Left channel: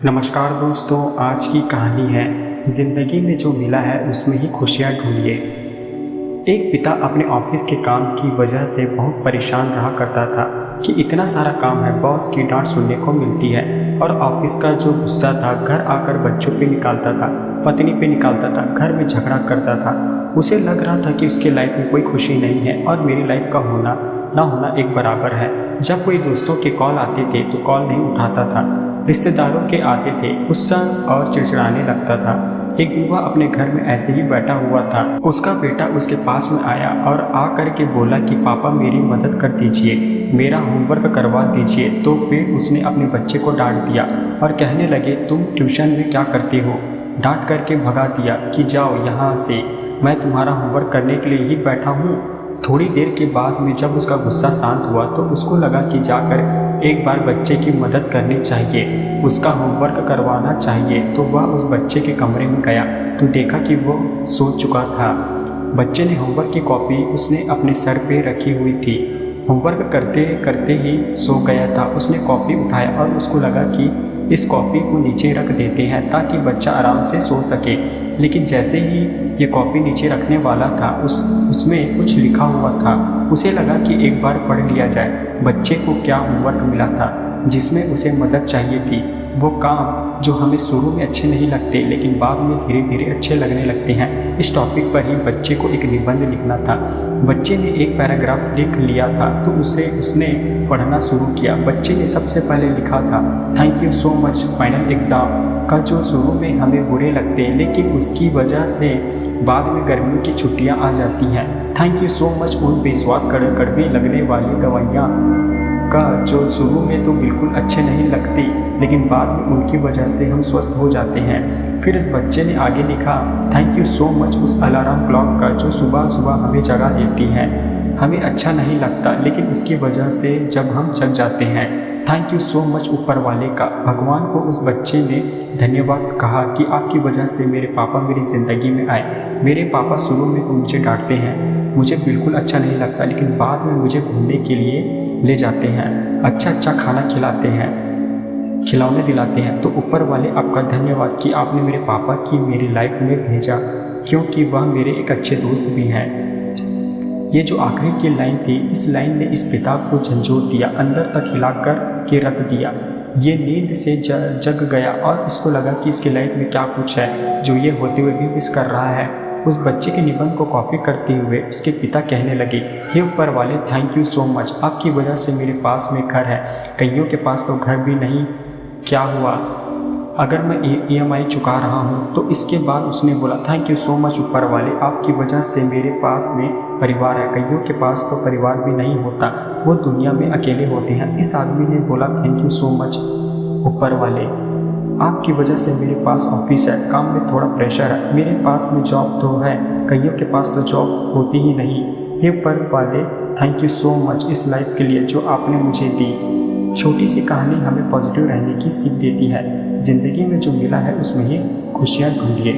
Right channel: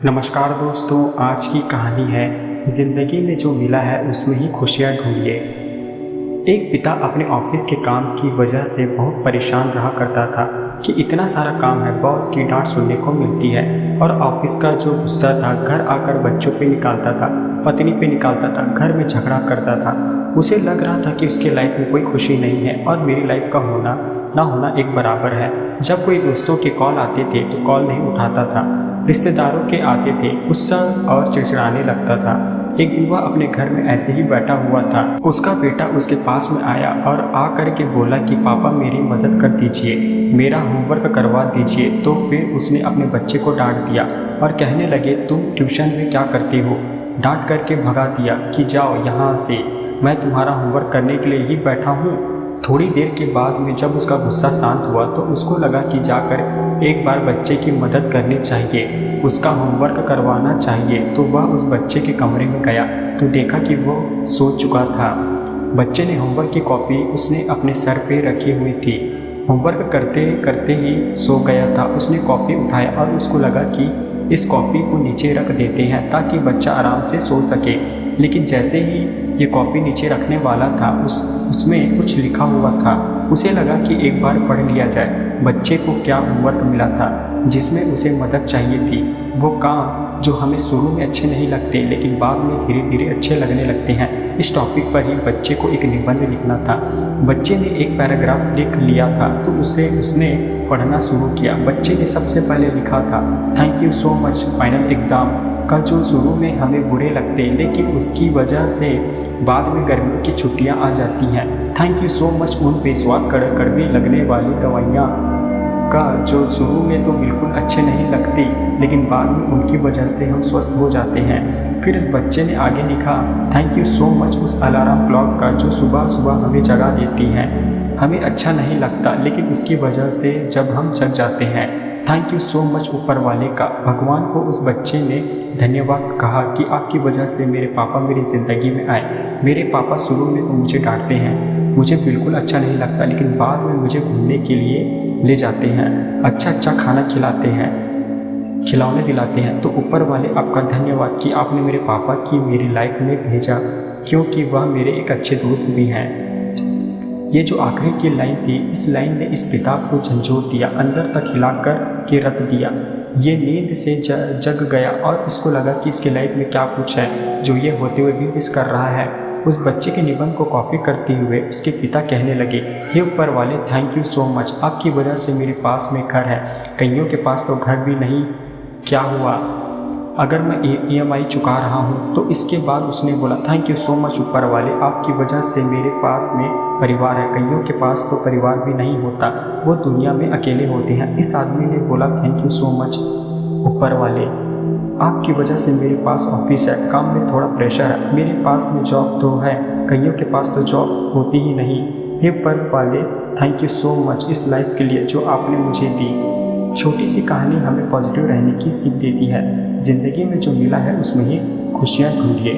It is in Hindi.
नमस्कार दोस्तों, आज की कहानी है ज़िंदगी में जो मिला है उसमें ही खुशियाँ ढूंढिए। एक पिता अपने ऑफिस के काम की वजह से बहुत परेशान रहा करता था कि इतना सारा काम है, बॉस की डांट सुनने को मिलती है और ऑफिस का जो गुस्सा था घर आकर बच्चों पे निकालता था, पत्नी पे निकालता था, घर में झगड़ा करता था। उसे लग रहा था कि उसके लाइफ में कोई खुशी नहीं है और मेरी लाइफ का होना ना होना एक बराबर है। जब कोई दोस्तों के कॉल आते थे तो कॉल नहीं उठाता था, रिश्तेदारों के आते थे, गुस्सा और चिड़चिड़ाने लगता था। एक दिन वह अपने घर में ऐसे ही बैठा हुआ था, उसका बेटा उसके पास में आया और आ कर के बोला कि पापा मेरी मदद कर दीजिए, मेरा होमवर्क करवा दीजिए। तो फिर उसने अपने बच्चे को डांट दिया और कहने लगे तुम ट्यूशन में क्या करते हो। डांट करके भगा दिया कि जाओ यहाँ से, मैं तुम्हारा होमवर्क करने के लिए ही बैठा हूँ। थोड़ी देर के बाद में जब उसका गुस्सा शांत हुआ तो उसको लगा कि जाकर एक बार बच्चे की मदद करनी चाहिए, उसका होमवर्क करवाना चाहिए। तो वह उस बच्चे के कमरे में गया तो देखा कि वो सो चुका था। बच्चे ने होमवर्क की कॉपी उसने अपने सर पे रखी हुई थी, होमवर्क करते करते ही सो गया था। उसने कॉपी उठाया और उसको लगा कि इस कॉपी को नीचे रख देते हैं ताकि बच्चा आराम से सो सके। लेकिन जैसे ही ये कॉपी नीचे रखने वाला था उसमें कुछ लिखा हुआ था। उसे लगा कि एक बार पढ़ लिया जाए बच्चे को क्या होमवर्क मिला था जिसमें उसे मदद चाहिए थी। वो काम जो हमें शुरू में अच्छे नहीं लगते लेकिन बाद में धीरे धीरे अच्छे लगने लगते हैं। इस टॉपिक पर ही बच्चे को एक निबंध लिखना था। बच्चे ने एक पैराग्राफ लिख लिया था तो उसने पढ़ना शुरू किया। बच्चे ने सबसे पहले लिखा था thank you so much final exam का, जो शुरू में हमें बुरे लगते लेकिन उसकी वजह से बाद में गर्मियों की छुट्टियां आ जाती हैं। थैंक यू सो मच उन बेस्वाद कड़वी लगने वाली दवाइयाँ का, जो शुरू में तो बिल्कुल अच्छे नहीं लगती लेकिन बाद में उनकी वजह से हम स्वस्थ हो जाते हैं। फिर इस बच्चे ने आगे लिखा थैंक यू सो मच उस अलार्म क्लॉक का, जो सुबह सुबह हमें जगा देती है। हमें अच्छा नहीं लगता लेकिन उसकी वजह से जब हम जग जाते हैं। थैंक यू सो मच ऊपर वाले का। भगवान को उस बच्चे ने धन्यवाद कहा कि आपकी वजह से मेरे पापा मेरी ज़िंदगी में आए। मेरे पापा शुरू में तो मुझे डांटते हैं, मुझे बिल्कुल अच्छा नहीं लगता लेकिन बाद में मुझे घूमने के लिए ले जाते हैं, अच्छा खाना खिलाते हैं, खिलौने दिलाते हैं। तो ऊपर वाले आपका धन्यवाद कि आपने मेरे पापा की मेरी लाइफ में भेजा, क्योंकि वह मेरे एक अच्छे दोस्त भी हैं। ये जो आखिरी की लाइन थी, इस लाइन ने इस पिता को झंझोर दिया, अंदर तक हिलाकर के रख दिया। ये नींद से जग गया और इसको लगा कि इसकी लाइफ में क्या कुछ है जो ये होते हुए भी मिस कर रहा है। उस बच्चे के निबंध को कॉपी करते हुए उसके पिता कहने लगे हे ऊपर वाले, थैंक यू सो मच, आपकी वजह से मेरे पास में घर है, कईयों के पास तो घर भी नहीं। क्या हुआ अगर मैं EMI चुका रहा हूँ। तो इसके बाद उसने बोला थैंक यू सो मच ऊपर वाले, आपकी वजह से मेरे पास में परिवार है, कईयों के पास तो परिवार भी नहीं होता, वो दुनिया में अकेले होते हैं। इस आदमी ने बोला थैंक यू सो मच ऊपर वाले, आपकी वजह से मेरे पास ऑफिस है, काम में थोड़ा प्रेशर है, मेरे पास में जॉब तो है, कईयों के पास तो जॉब होती ही नहीं। हे ऊपर वाले, थैंक यू सो मच इस लाइफ के लिए जो आपने मुझे दी। छोटी सी कहानी हमें पॉजिटिव रहने की सीख देती है। ज़िंदगी में जो मिला है उसमें ही खुशियाँ ढूंढिए।